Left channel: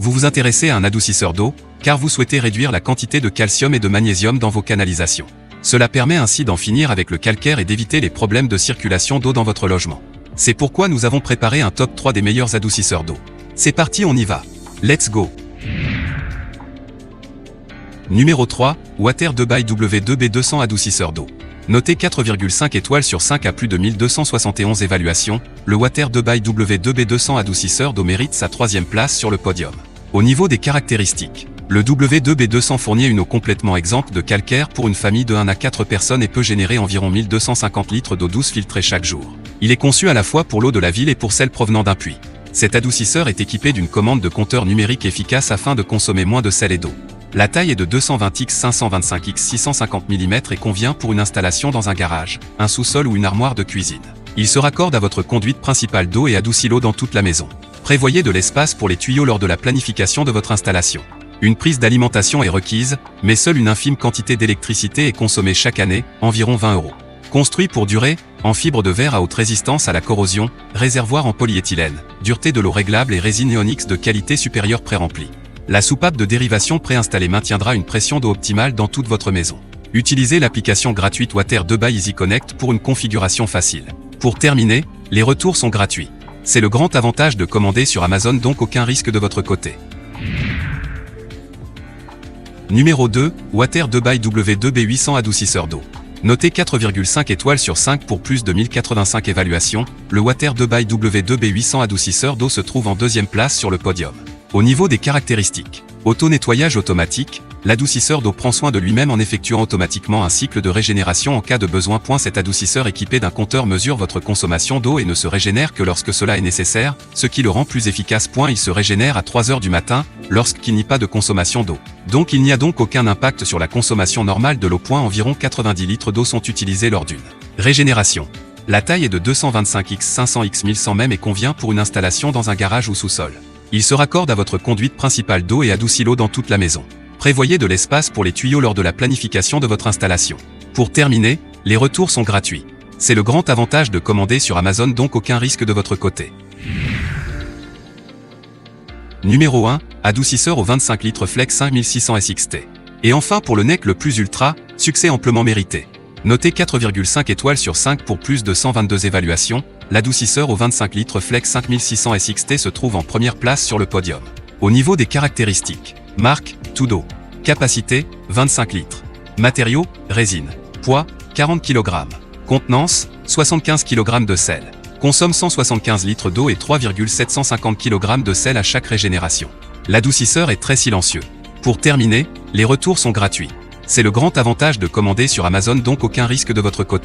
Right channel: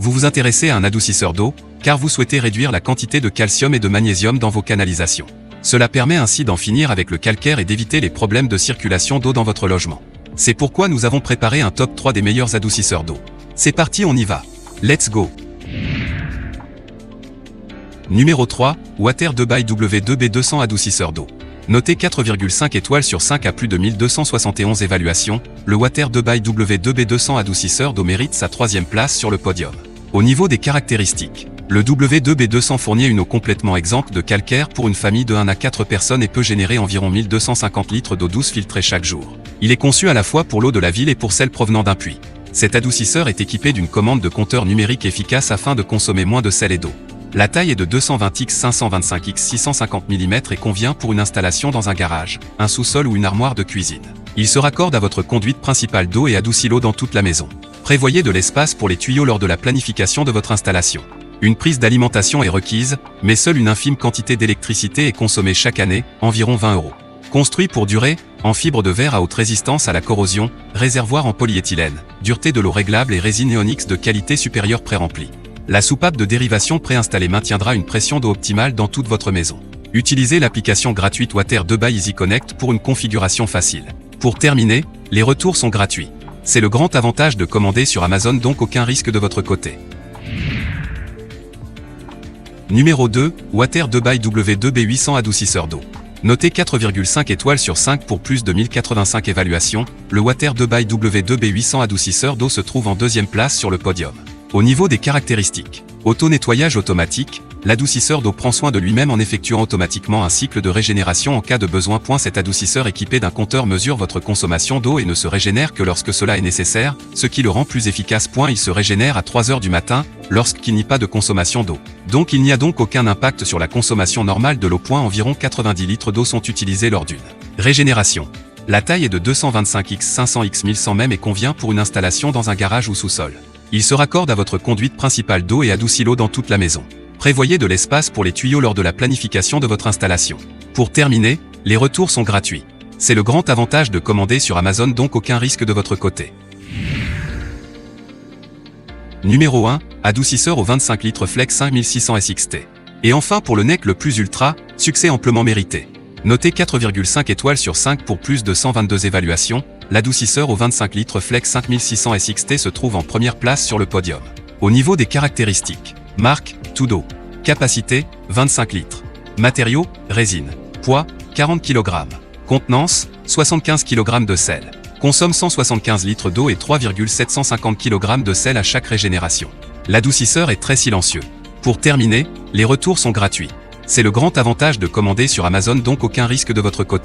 Vous vous intéressez à un adoucisseur d'eau, car vous souhaitez réduire la quantité de calcium et de magnésium dans vos canalisations. Cela permet ainsi d'en finir avec le calcaire et d'éviter les problèmes de circulation d'eau dans votre logement. C'est pourquoi nous avons préparé un top 3 des meilleurs adoucisseurs d'eau. C'est parti, on y va. Let's go. Numéro 3, Water 2 by W2B200 adoucisseur d'eau. Noté 4,5 étoiles sur 5 à plus de 1271 évaluations, le Water 2 by W2B200 adoucisseur d'eau mérite sa 3e place sur le podium. Au niveau des caractéristiques, le W2B200 fournit une eau complètement exempte de calcaire pour une famille de 1 à 4 personnes et peut générer environ 1250 litres d'eau douce filtrée chaque jour. Il est conçu à la fois pour l'eau de la ville et pour celle provenant d'un puits. Cet adoucisseur est équipé d'une commande de compteur numérique efficace afin de consommer moins de sel et d'eau. La taille est de 220x 525x 650 mm et convient pour une installation dans un garage, un sous-sol ou une armoire de cuisine. Il se raccorde à votre conduite principale d'eau et adoucit l'eau dans toute la maison. Prévoyez de l'espace pour les tuyaux lors de la planification de votre installation. Une prise d'alimentation est requise, mais seule une infime quantité d'électricité est consommée chaque année, environ 20 €. Construit pour durer, en fibre de verre à haute résistance à la corrosion, réservoir en polyéthylène, dureté de l'eau réglable et résine Ionix de qualité supérieure pré-remplie. La soupape de dérivation préinstallée maintiendra une pression d'eau optimale dans toute votre maison. Utilisez l'application gratuite Water 2 by Easy Connect pour une configuration facile. Pour terminer, les retours sont gratuits. C'est le grand avantage de commander sur Amazon, donc aucun risque de votre côté. Numéro 2, Water 2 by W2B800 adoucisseur d'eau. Noté 4,5 étoiles sur 5 pour plus de 1085 évaluations, le Water 2 by W2B800 adoucisseur d'eau se trouve en 2e place sur le podium. Au niveau des caractéristiques, auto-nettoyage automatique, l'adoucisseur d'eau prend soin de lui-même en effectuant automatiquement un cycle de régénération en cas de besoin. Cet adoucisseur équipé d'un compteur mesure votre consommation d'eau et ne se régénère que lorsque cela est nécessaire, ce qui le rend plus efficace. Il se régénère à 3 h du matin, lorsqu'il n'y a pas de consommation d'eau. Donc il n'y a donc aucun impact sur la consommation normale de l'eau. Environ 90 litres d'eau sont utilisés lors d'une régénération. La taille est de 225x 500x 1100 mm et convient pour une installation dans un garage ou sous-sol. Il se raccorde à votre conduite principale d'eau et adoucit l'eau dans toute la maison. Prévoyez de l'espace pour les tuyaux lors de la planification de votre installation. Pour terminer, les retours sont gratuits. C'est le grand avantage de commander sur Amazon, donc aucun risque de votre côté. Numéro 1, adoucisseur au 25 litres Flex 5600 SXT. Et enfin pour le NEC le plus ultra, succès amplement mérité. Noté 4,5 étoiles sur 5 pour plus de 122 évaluations, l'adoucisseur au 25 litres Flex 5600 SXT se trouve en 1re place sur le podium. Au niveau des caractéristiques, marque, Tudo. Capacité, 25 litres. Matériaux, résine. Poids, 40 kg. Contenance, 75 kg de sel. Consomme 175 litres d'eau et 3,750 kg de sel à chaque régénération. L'adoucisseur est très silencieux. Pour terminer, les retours sont gratuits. C'est le grand avantage de commander sur Amazon, donc aucun risque de votre côté.